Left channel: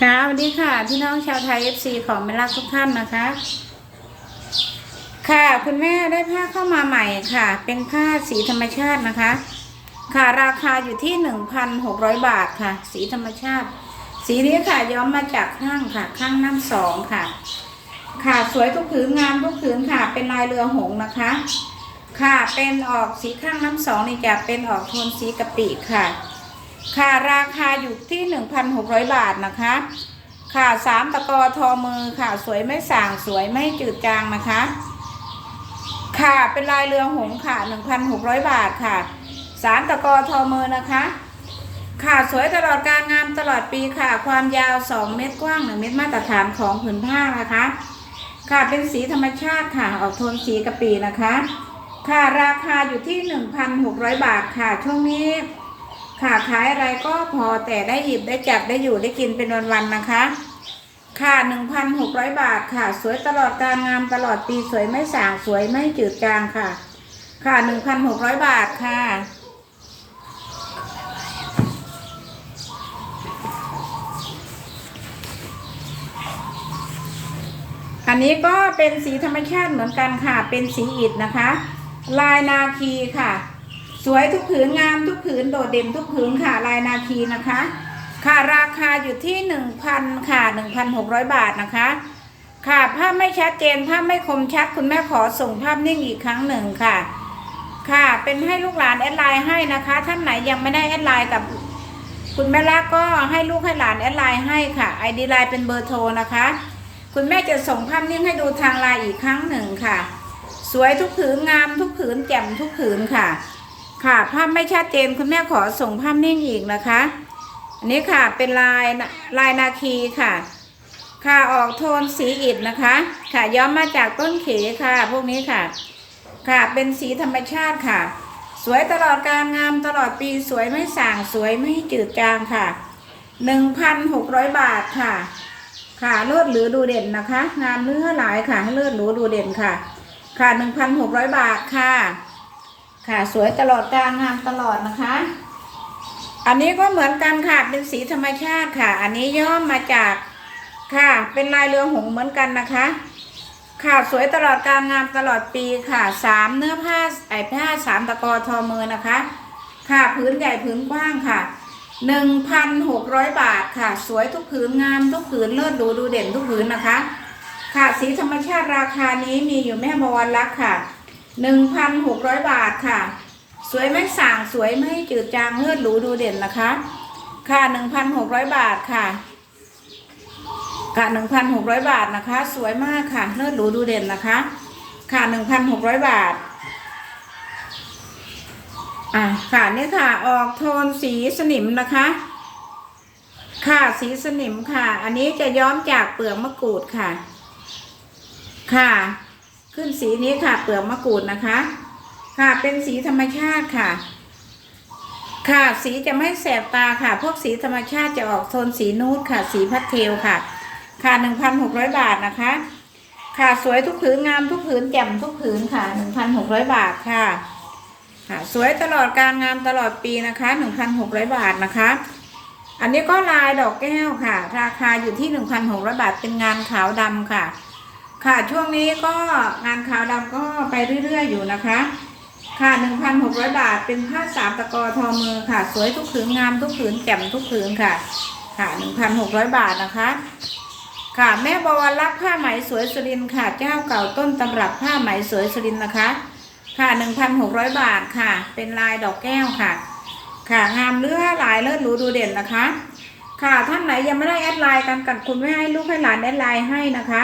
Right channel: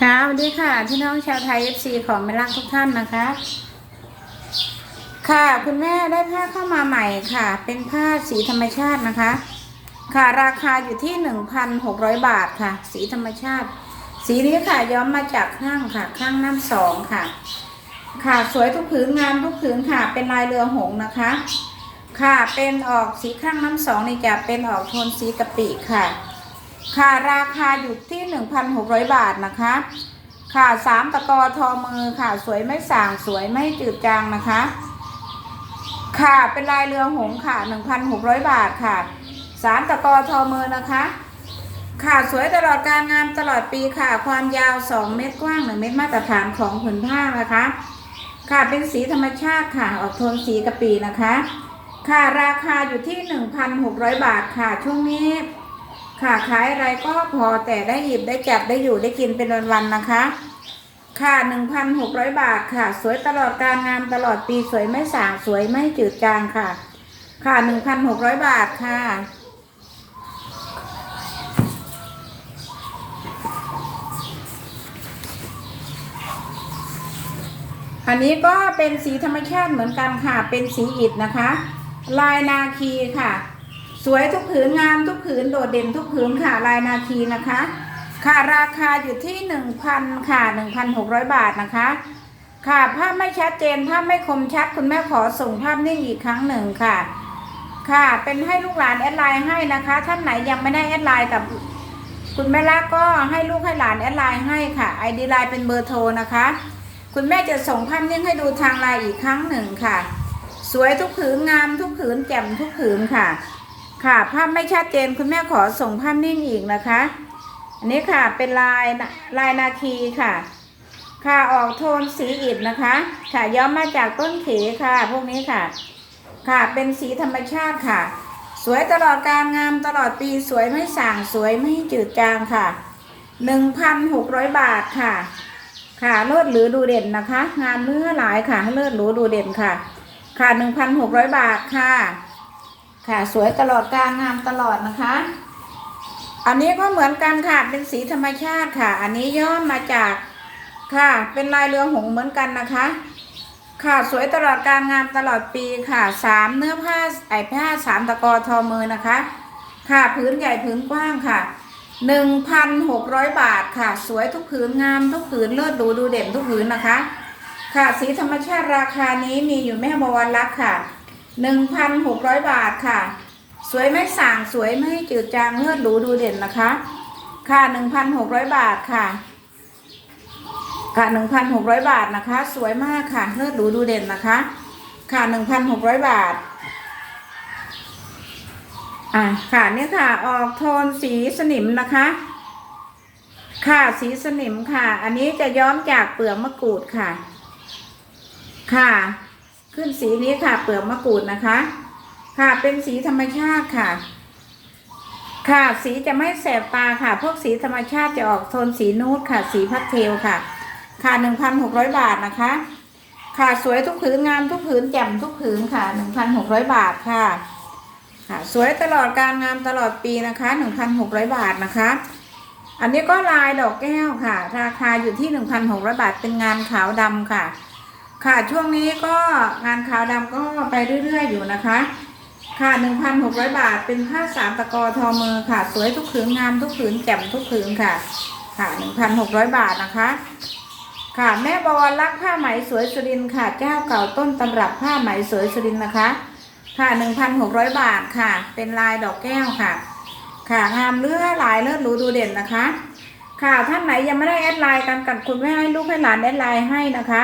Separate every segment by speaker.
Speaker 1: ค่ะสวัสดีค่ะพี่น้องชาวไทยเอฟซีของไม่รักทุกท่านนะคะ ค่ะคุณแม่ได้ผ้าเข้ามาใหม่ค่ะ เป็นผ้าสีธรรมชาตินะคะ ค่ะราคาอยู่ที่หนึ่งพันหกร้อยบาทค่ะ สีธรรมชาติ สีนี้ค่ะย้อมมาจากข้างค่ะ ข้างน้ำสองค่ะ ค่ะสวยทุกผืนงามทุกผืนค่ะ เป็นลายเรือหงส์นะคะ ค่ะเป็นออกสีข้างน้ำสองนี่จะเป็นออกโทนสีกะปิค่ะ ค่ะราคาอยู่ที่ 1,600 บาทนะคะ ค่ะสามตะกอทอมือค่ะสวยไม่สางสวยไม่จืดจางนะคะ ค่ะเป็นลายเรือหงส์ค่ะ 1,600 บาทค่ะสามตะกอทอมือนะคะ ค่ะสวยตลอดการงานตลอดปีค่ะ ความยาว 2 เมตรกว้าง 1 เมตรมาตรฐานของผืนผ้านะคะ ค่ะเป็นสีธรรมชาติค่ะ ออกโทนสีกะปีนะคะ ค่ะราคาอยู่ที่ 1,600 บาทค่ะช่วงนี้ ค่ะขายอะไรก็พอแต่ได้หยิบได้จับได้อยู่ได้กินเป็นวันๆนะคะ ค่ะ1,600บาทค่ะ สวยตลอดการงานตลอดปีสวยไม่สางสวยไม่จืดจางค่ะ ค่ะ1,600บาทค่ะอันนี้ก็เป็นสีธรรมชาติเหมือนกันค่ะ เป็นสีอิฐนะคะ ลายนาคีค่ะ วยทุกผืนงามทุกผืนโดดเด่นทุกผืนค่ะลายนาคีนะคะ ค่ะราคาอยู่ที่หนึ่งพันค่ะหนึ่งพันหกร้อยบาทนะคะ ค่ะภาพไม่ชัดเจนภาพไม่คมชัดคุณแม่ขอส่งภาพนิ่งอีกครั้งหนึ่งค่ะ ค่ะเป็นให้ลูกหลานแอดไลน์ให้นะคะ ท่านไหนยังไม่ได้แอดไลน์กับคุณแม่ละก็ให้ลูกให้หลานแอดไลน์ให้ค่ะไอดีไลน์เป็นเบอร์โทรนะคะ คุณแม่จะส่งภาพนิ่งให้ดูทางไลน์อีกครั้งหนึ่งค่ะ สวยทุกผืนงามทุกผืนแจ่มทุกผืนค่ะ ค่ะภาพไม่ชัดเจนคุณแม่ขอส่งภาพนิ่งอีกนะคะ อันนี้ค่ะเป็นลายลายนาคีค่ะ ค่ะออกโทนสีอิฐนะคะ ค่ะย้อมมาจากต้นเขค่ะ พวกนี้ค่ะ ค่ะเป็นสีธรรมชาติค่ะ สวยตลอดการงามตลอดปีสวยไม่ส่างสวยไม่จืดจางค่ะหนึ่งพันหกร้อยบาทค่ะ ค่ะเลิศหรือดูเด่นนะคะ งานเนื้อหลายค่ะให้เลิศหรูดูเด่นค่ะ ค่ะหนึ่งพันหกร้อยบาทค่ะ ค่ะสวยตลอดการงามตลอดนะคะ อันนี้ก็เหมือนกันค่ะเป็นสีธรรมชาติค่ะ อันนี้ย่อมมาจากค่ะ เป็นลายเรือหงส์เหมือนกันนะคะ ค่ะสวยตลอดการงานตลอดปีค่ะสามเนื้อผ้าไอผ้าสามตะกอทอมือนะคะ ค่ะพื้นใหญ่พื้นกว้างค่ะหนึ่งพันหกร้อยบาทค่ะ สวยทุกผืนงามทุกผืนเลิศดูดูเด่นทุกผืนนะคะ ค่ะสีธรรมชาติราคานี้มีอยู่แม่บวรรักค่ะ หนึ่งพันหกร้อยบาทค่ะ สวยไม่ส่างสวยไม่จืดจางเลิศหรูดูเด่นนะคะ ค่ะหนึ่งพันหกร้อยบาทค่ะ ค่ะหนึ่งพันหกร้อยบาทนะคะ สวยมากค่ะเลิศหรูดูเด่นนะคะ ค่ะหนึ่งพันหกร้อยบาทอ่าค่ะเนี่ยค่ะออกโทนสีสนิมนะคะ ค่ะสีสนิมค่ะ อันนี้จะย้อมจากเปลือกมะกรูดค่ะ ค่ะ ขึ้นสีนี้ค่ะ เปลือกมะกรูดนะคะ ค่ะเป็นสีธรรมชาติค่ะ ค่ะสีจะไม่แสบตาค่ะ พวกสีธรรมชาติจะออกโทนสีนูดค่ะ สีพัดเทลค่ะ ค่ะหนึ่งพันหกร้อยบาทนะคะ ค่ะสวยทุกผืนงามทุกผืนแจ่มทุกผืนค่ะหนึ่งพันหกร้อยบาทค่ะ ค่ะสวยตลอดการงามตลอดปีนะคะหนึ่งพันหกร้อยบาทนะคะอันนี้ก็ลายดอกแก้วค่ะ ราคาอยู่ที่หนึ่งพันหกร้อยบาท เป็นงานขาวดำค่ะ ค่ะช่วงนี้ก็งานขาวดำก็ไปเรื่อยๆอยู่นะคะ ค่ะหนึ่งพันหกร้อยบาทเป็นผ้าสามตะกอทอมือค่ะ สวยทุกผืนงามทุกผืนแจ่มทุกผืนค่ะ ค่ะหนึ่งพันหกร้อยบาทนะคะ ค่ะแม่บวรรักผ้าไหมสวยสุรินค่ะเจ้าเก่าต้นตำรับผ้าไหมสวยสุรินนะคะ ค่ะหนึ่งพันหกร้อยบาทค่ะ เป็นลายดอกแก้วค่ะ ค่ะงามเลือหลายเลิศหรูดูเด่นนะคะ ค่ะท่านไหนยังไม่ได้แอดไลน์กันกับคุณแม่ให้ลูกให้หลานแอดไลน์ให้นะคะ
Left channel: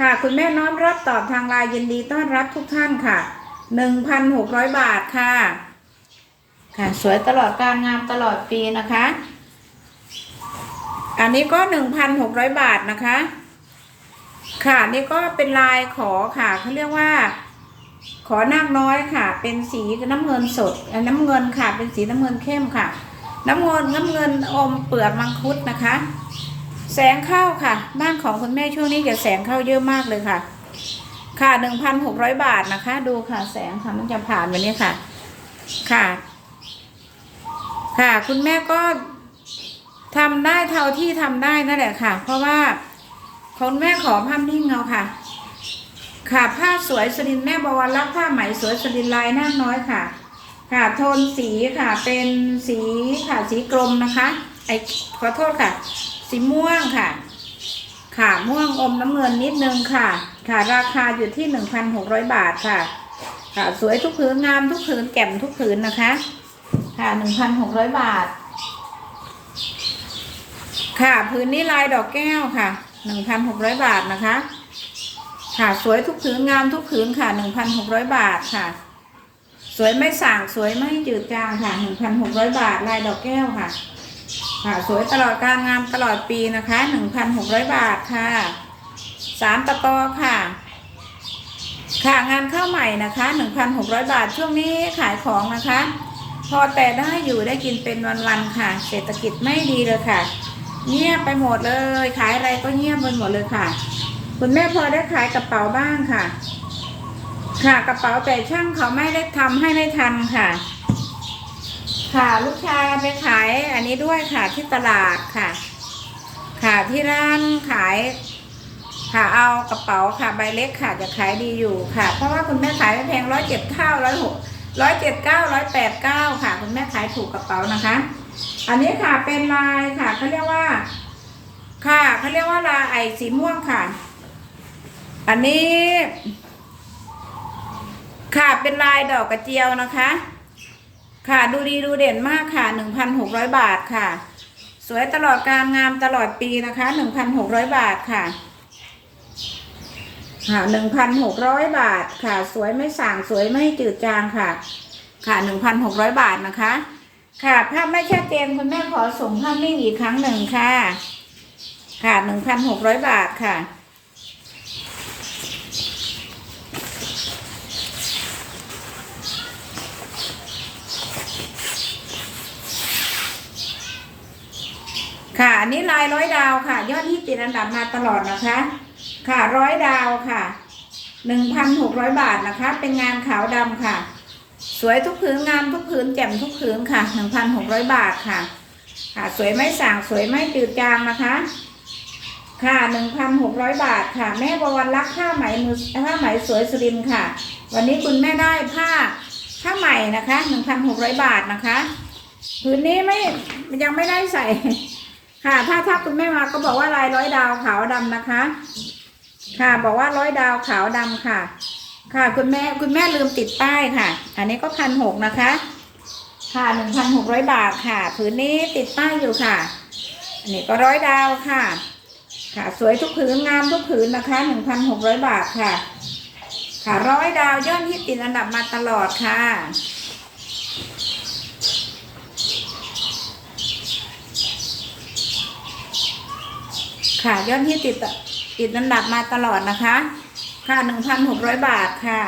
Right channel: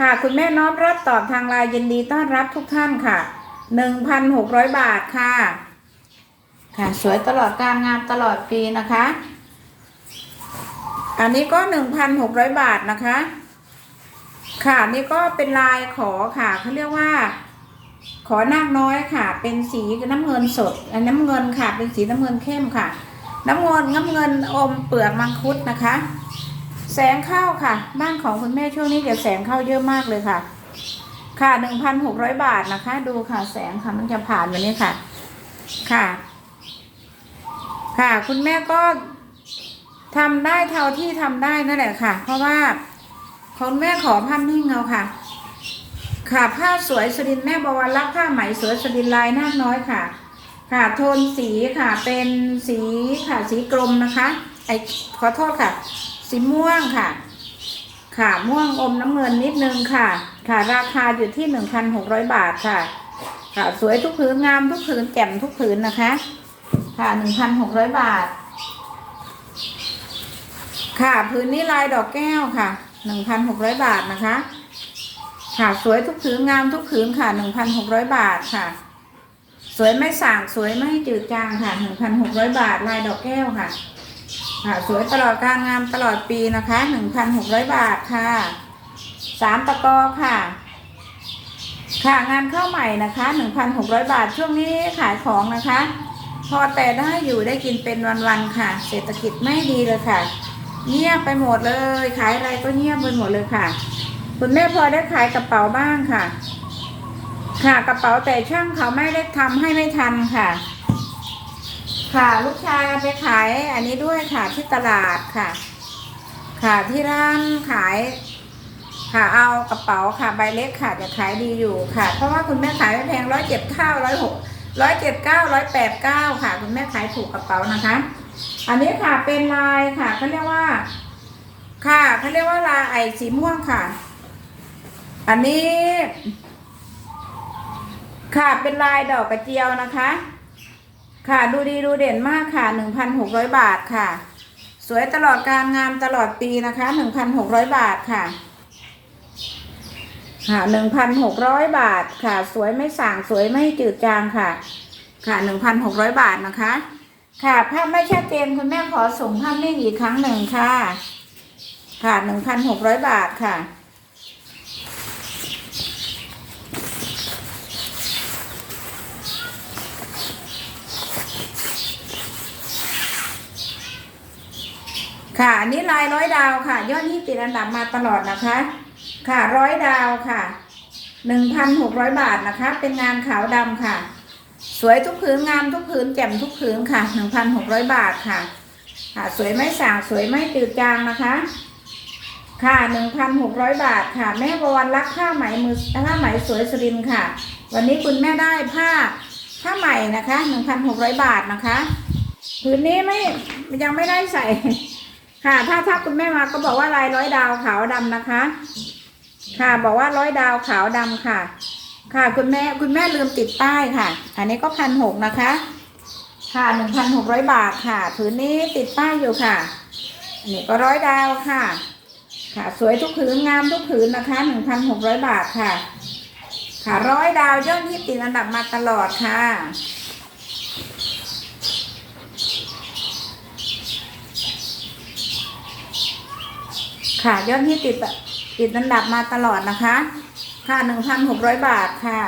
Speaker 1: ค่ะ คุณแม่น้อมรับตอบทางไลน์ยินดีต้อนรับทุกท่านค่ะหนึ่งพันหกร้อยบาทค่ะ ค่ะ สวยตลอดการงานตลอดปีนะคะ อันนี้ก็หนึ่งพันหกร้อยบาทนะคะ ค่ะนี่ก็เป็นลายขอค่ะเขาเรียกว่า ขอนาคน้อยค่ะ เป็นสีน้ำเงินสดเอ่อน้ำเงินค่ะ เป็นสีน้ำเงินเข้มค่ะ น้ำเงินน้ำเงินอมเปลือกมังคุดนะคะ แสงเข้าค่ะ บ้านของคุณแม่ช่วงนี้จะแสงเข้าเยอะมากเลยค่ะ ค่ะหนึ่งพันหกร้อยบาทนะคะ ดูค่ะ แสงค่ะมันจะผ่านวันนี้ค่ะ ค่ะ ค่ะ คุณแม่ก็ทำได้เท่าที่ทำได้นั่นแหละค่ะ เพราะว่าคุณแม่ขอภาพนิ่งเอาค่ะค่ะผ้าสวยสรินแม่บวรรับผ้าไหมสวยสรินลายนาน้อยค่ะ ค่ะโทนสีค่ะเป็นสีค่ะสีกลมนะคะไอขอโทษค่ะ สีม่วงค่ะ ค่ะม่วงอมน้ำเงินนิดนึงค่ะ ค่ะ ราคาอยู่ที่หนึ่งพันหกร้อยบาทค่ะ ค่ะ สวยทุกผืนงามทุกผืนแก่มทุกผืนนะคะ ค่ะหนึ่งพันหกร้อยบาท ค่ะผืนนี้ลายดอกแก้วค่ะหนึ่งพันหกร้อยบาทนะคะ ค่ะสวยทุกผืนงามทุกผืนค่ะหนึ่งพันหกร้อยบาทค่ะ สวยไม่ส่างสวยไม่จืดจางค่ะหนึ่งพันหกร้อยบาทลายดอกแก้วค่ะ ค่ะสวยตลอดการงามตลอดปีนะคะหนึ่งพันหกร้อยบาทค่ะสามตะกอค่ะ ค่ะงานเข้าใหม่นะคะหนึ่งพันหกร้อยบาทช่วงนี้ขายของนะคะ พอแต่ได้อยู่ได้กินเป็นวันๆค่ะ เศรษฐกิจไม่ดีเลยค่ะ เงียบไปหมดเลย ขายอะไรก็เงียบไปหมดเลยค่ะ คุณแม่พอได้ขายกระเป๋าบ้างค่ะ ค่ะกระเป๋าแต่ช่างเขาไม่ได้ทำให้ไม่ทันค่ะ ค่ะลูกชายไปขายอันนี้ด้วยค่ะที่ตลาดค่ะ ค่ะที่ร้านขาย ค่ะเอากระเป๋าค่ะใบเล็กค่ะจะขายดีอยู่ค่ะ เพราะว่าคุณแม่ขายไม่แพงร้อยเจ็ดเก้าร้อยหกร้อยเจ็ดเก้าร้อยแปดเก้าค่ะ คุณแม่ขายถูกกระเป๋านะคะ อันนี้ค่ะเป็นลายค่ะเขาเรียกว่า ค่ะเขาเรียกว่าลายไอสีม่วงค่ะ อันนี้ ค่ะเป็นลายดอกกระเจียวนะคะ ค่ะดูดีดูเด่นมากค่ะหนึ่งพันหกร้อยบาทค่ะ สวยตลอดการงามตลอดปีนะคะหนึ่งพันหกร้อยบาทค่ะ ค่ะหนึ่งพันหกร้อยบาทค่ะ สวยไม่ส่างสวยไม่จืดจางค่ะ ค่ะหนึ่งพันหกร้อยบาทนะคะ ค่ะภาพไม่ชัดเจนคุณแม่ขอส่งภาพนิ่งอีกครั้งหนึ่งค่ะ ค่ะหนึ่งพันหกร้อยบาทค่ะ ค่ะอันนี้ลายร้อยดาวค่ะ ยอดที่ติดอันดับมาตลอดนะคะ ค่ะร้อยดาวค่ะหนึ่งพันหกร้อยบาทนะคะ เป็นงานขาวดำค่ะ สวยทุกผืนงามทุกผืนแจ่มทุกผืนค่ะหนึ่งพันหกร้อยบาทค่ะ ค่ะ สวยไม่สางสวยไม่จืดจางนะคะ ค่ะหนึ่งพันหกร้อยบาทค่ะ แม่ประวันรักผ้าไหมมือผ้าไหมสวยสรินค่ะ วันนี้คุณแม่ได้ผ้าผ้าใหม่นะคะหนึ่งพันหกร้อยบาทนะคะผืนนี้ไม่ยังไม่ได้ใส่ ค่ะ ถ้าถ้าคุณแม่มาก็บอกว่าลายร้อยดาวขาวดำนะคะ ค่ะ บอกว่าร้อยดาวขาวดำค่ะ ค่ะ คุณแม่คุณแม่ลืมติดป้ายค่ะ อันนี้ก็พันหกนะคะ ค่ะหนึ่งพันหกร้อยบาทค่ะผืนนี้ติดป้ายอยู่ค่ะ อันนี้ก็ร้อยดาวค่ะ ค่ะ สวยทุกผืนงามทุกผืนนะคะหนึ่งพันหกร้อยบาทค่ะ ค่ะร้อยดาวยอดที่ติดอันดับมาตลอดค่ะ ค่ะ ยอดที่ติดติดอันดับมาตลอดนะคะ ค่ะหนึ่งพันหกร้อยบาทค่ะ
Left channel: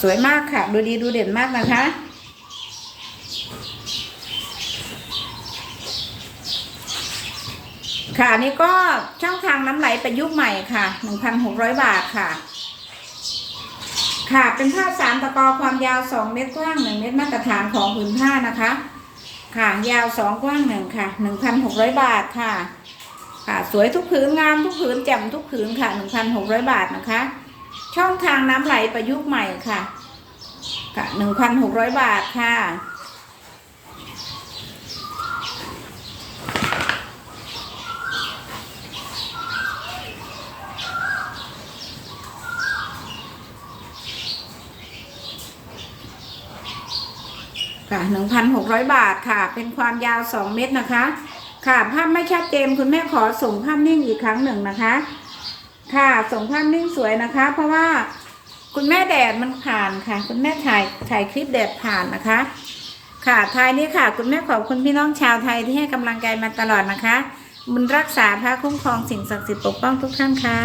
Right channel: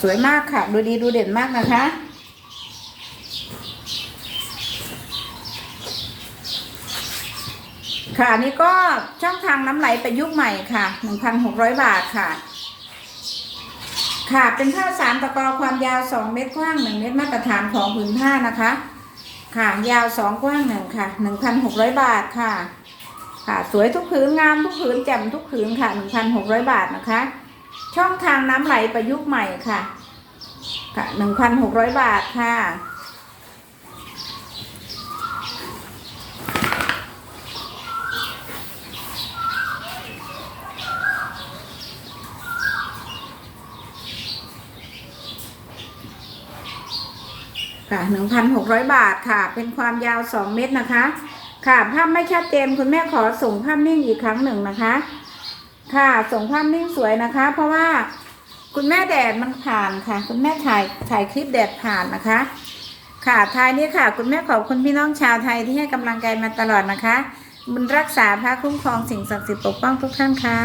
Speaker 1: สวยมากค่ะ ดูดีดูเด่นมากนะคะ ค่ะอันนี้ก็ช่องทางน้ำไหลประยุกต์ใหม่ค่ะ 1,600 บาทค่ะ ค่ะเป็นผ้าสามตะกอความยาวสองเมตรกว้างหนึ่งเมตรมาตรฐานของผืนผ้านะคะ ค่ะ ยาวสองกว้างหนึ่งค่ะหนึ่งพันหกร้อยบาทค่ะ ค่ะ สวยทุกผืนงามทุกผืนแจ่มทุกผืนค่ะหนึ่งพันหกร้อยบาทนะคะ ช่องทางน้ำไหลประยุกต์ใหม่ค่ะ ค่ะหนึ่งพันหกร้อยบาทค่ะ ค่ะหนึ่งพันหกร้อยบาทค่ะ เป็นความยาวสองเมตรนะคะ ค่ะภาพไม่ชัดเจนคุณแม่ขอส่งภาพนิ่งอีกครั้งหนึ่งนะคะ ค่ะส่งภาพนิ่งสวยนะคะ เพราะว่าคุณแม่แดดมันผ่านค่ะ คุณแม่ถ่ายถ่ายคลิปแดดผ่านนะคะ ค่ะท้ายนี้ค่ะ คุณแม่ขอบคุณพี่น้องชาวไทยที่ให้กำลังใจมาตลอดนะคะบุญรักษาพระคุ้มครองสิ่งศักดิ์สิทธิ์ปกป้องทุกท่านค่ะ